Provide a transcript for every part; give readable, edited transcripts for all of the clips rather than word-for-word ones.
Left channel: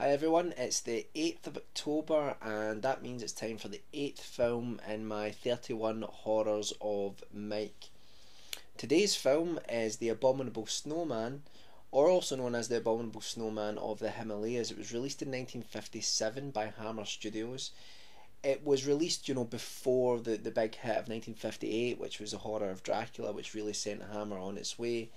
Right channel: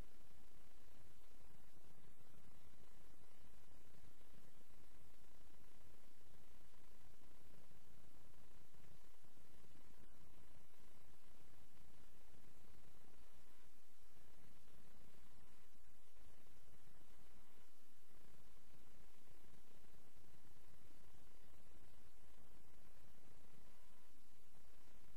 Hi everyone, it's the 8th of October and that means it's time for the 8th film in my 31 Horrors of Mike. Today's film is The Abominable Snowman, or also known as The Abominable Snowman of the Himalayas. It was released in 1957 by Hammer Studios. It was released, before the big hit of 1958, which was The Horror of Dracula, which really sent Hammer on its way.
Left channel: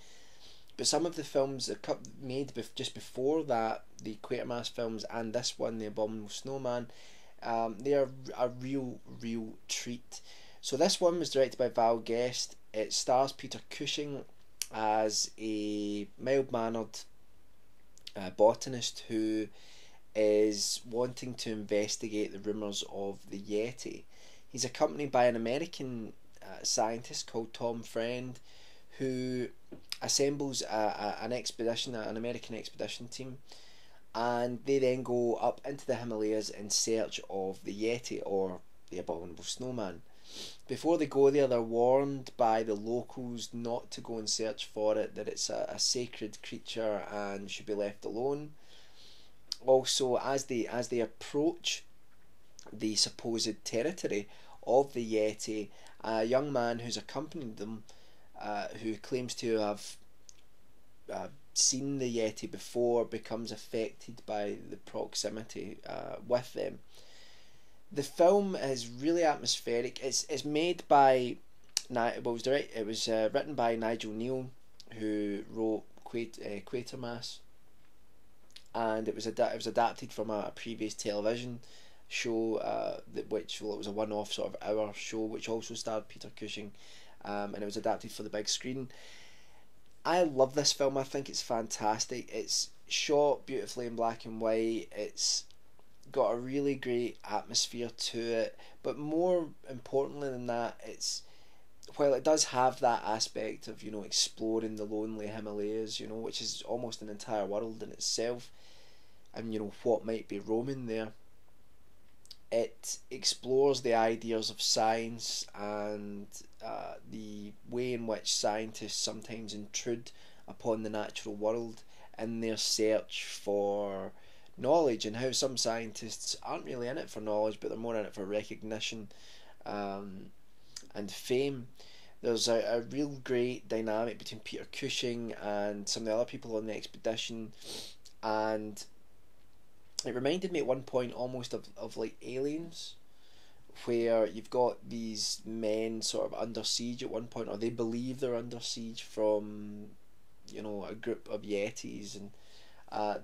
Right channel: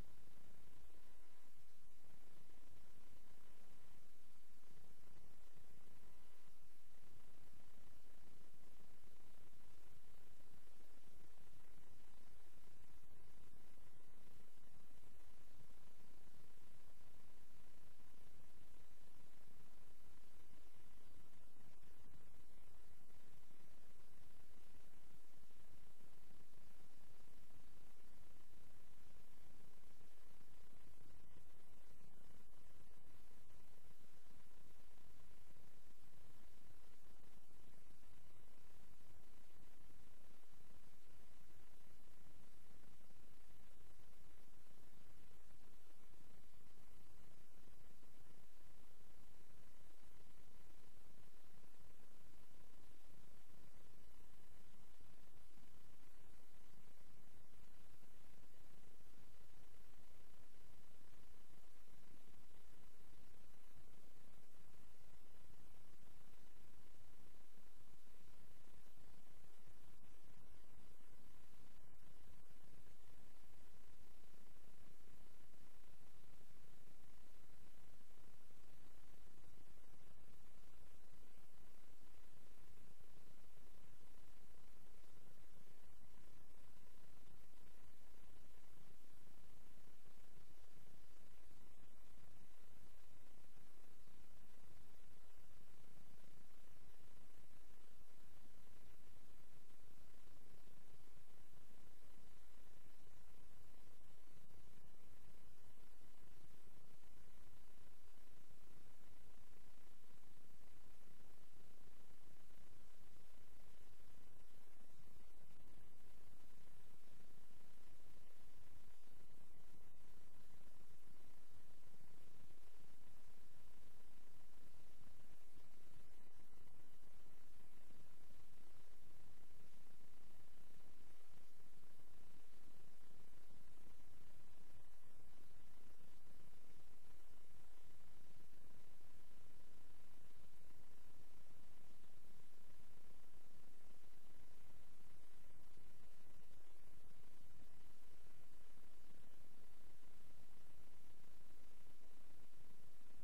But some of the films that made just before that, the Quatermass films and this one, The Abominable Snowman, they are a real treat. So this one was directed by Val Guest. It stars Peter Cushing as a mild-mannered botanist who is wanting to investigate the rumours of the Yeti. He's accompanied by an American scientist called Tom Friend, who assembles an American expedition team, and they then go up into the Himalayas in search of the Yeti, or the Abominable Snowman. Before they go there, they're warned by the locals not to go and search for it, that it's a sacred creature and should be left alone. Also, as they approach the supposed territory of the Yeti, a young man who's accompanied them, who claims to have seen the Yeti before, becomes affected by the proximity with them. The film is really atmospheric. It's made by it was written by Nigel Neal, who wrote Quatermass, and it was adapted from a previous television show, it was a one-off sort of hour show, which also starred Peter Cushing, and it was adapted for the big screen. I love this film. I think it's fantastic. It's shot beautifully in black and white. It's got a really great atmosphere to it, but more importantly than that, while it does have that aspect of exploring the lonely Himalayas, which is almost an entire world in itself, and what might be roaming there. It explores the ideas of science and the way in which scientists sometimes intrude upon the natural world in their search for knowledge, and how some scientists aren't really in it for knowledge, but they're more in it for recognition and fame. There's a real great dynamic between Peter Cushing and some of the other people on the expedition, and it reminded me at one point almost of like Aliens, where you've got these men sort of under siege at one point, or they believe they're under siege from a group of Yetis, and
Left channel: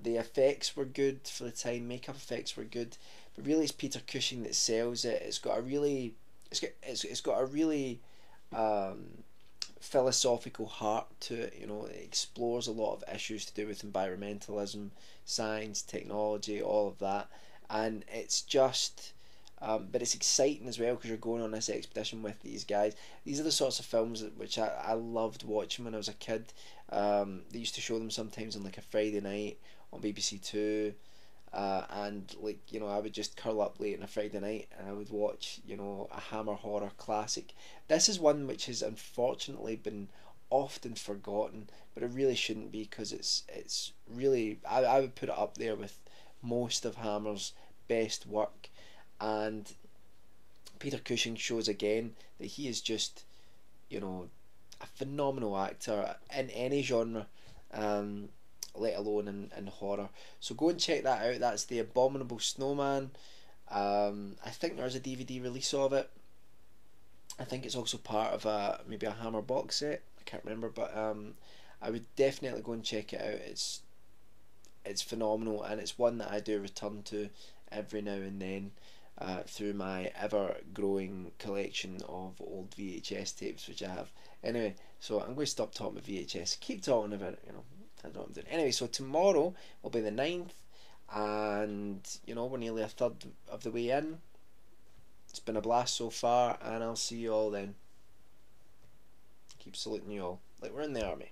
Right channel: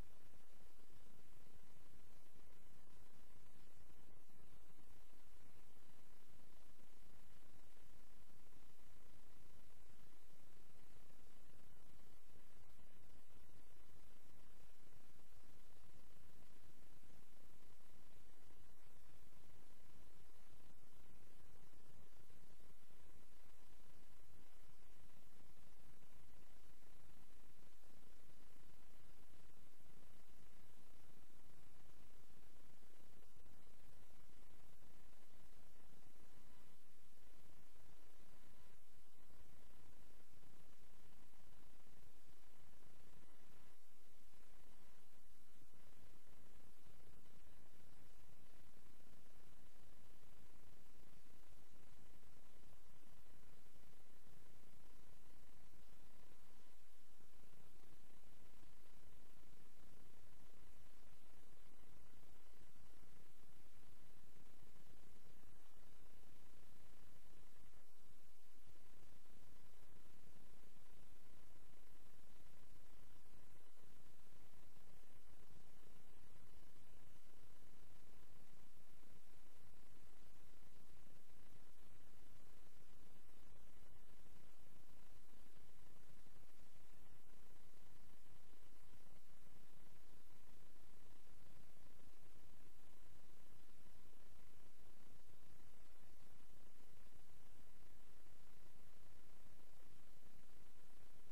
the effects were good for the time, makeup effects were good, but really it's Peter Cushing that sells it. It's got a really philosophical heart to it. It explores a lot of issues to do with environmentalism, science, technology, all of that, and it's just but it's exciting as well, because you're going on this expedition with these guys. These are the sorts of films which I loved watching when I was a kid. They used to show them sometimes on like a Friday night on BBC Two, and I would just curl up late on a Friday night and I would watch a Hammer horror classic. This is one which has unfortunately been often forgotten, but it really shouldn't be, because it's really, I would put it up there with most of Hammer's best work. And Peter Cushing shows again that he is just a phenomenal actor in any genre, let alone in horror. So go and check that out. That's The Abominable Snowman. I think there's a DVD release of it. I think it's also part of maybe a Hammer box set. I can't remember, but I would definitely go and check it out. It's phenomenal, and it's one that I do return to every now and then through my ever-growing collection of old VHS tapes which I have. Anyway, so I'm going to stop talking about VHS. Keep talking about it, I don't know what I'm doing. Anyway, so tomorrow will be the 9th, and we're nearly a third of the way in. It's been a blast so far, and I'll see you all then. Keep saluting you all like we're in the army.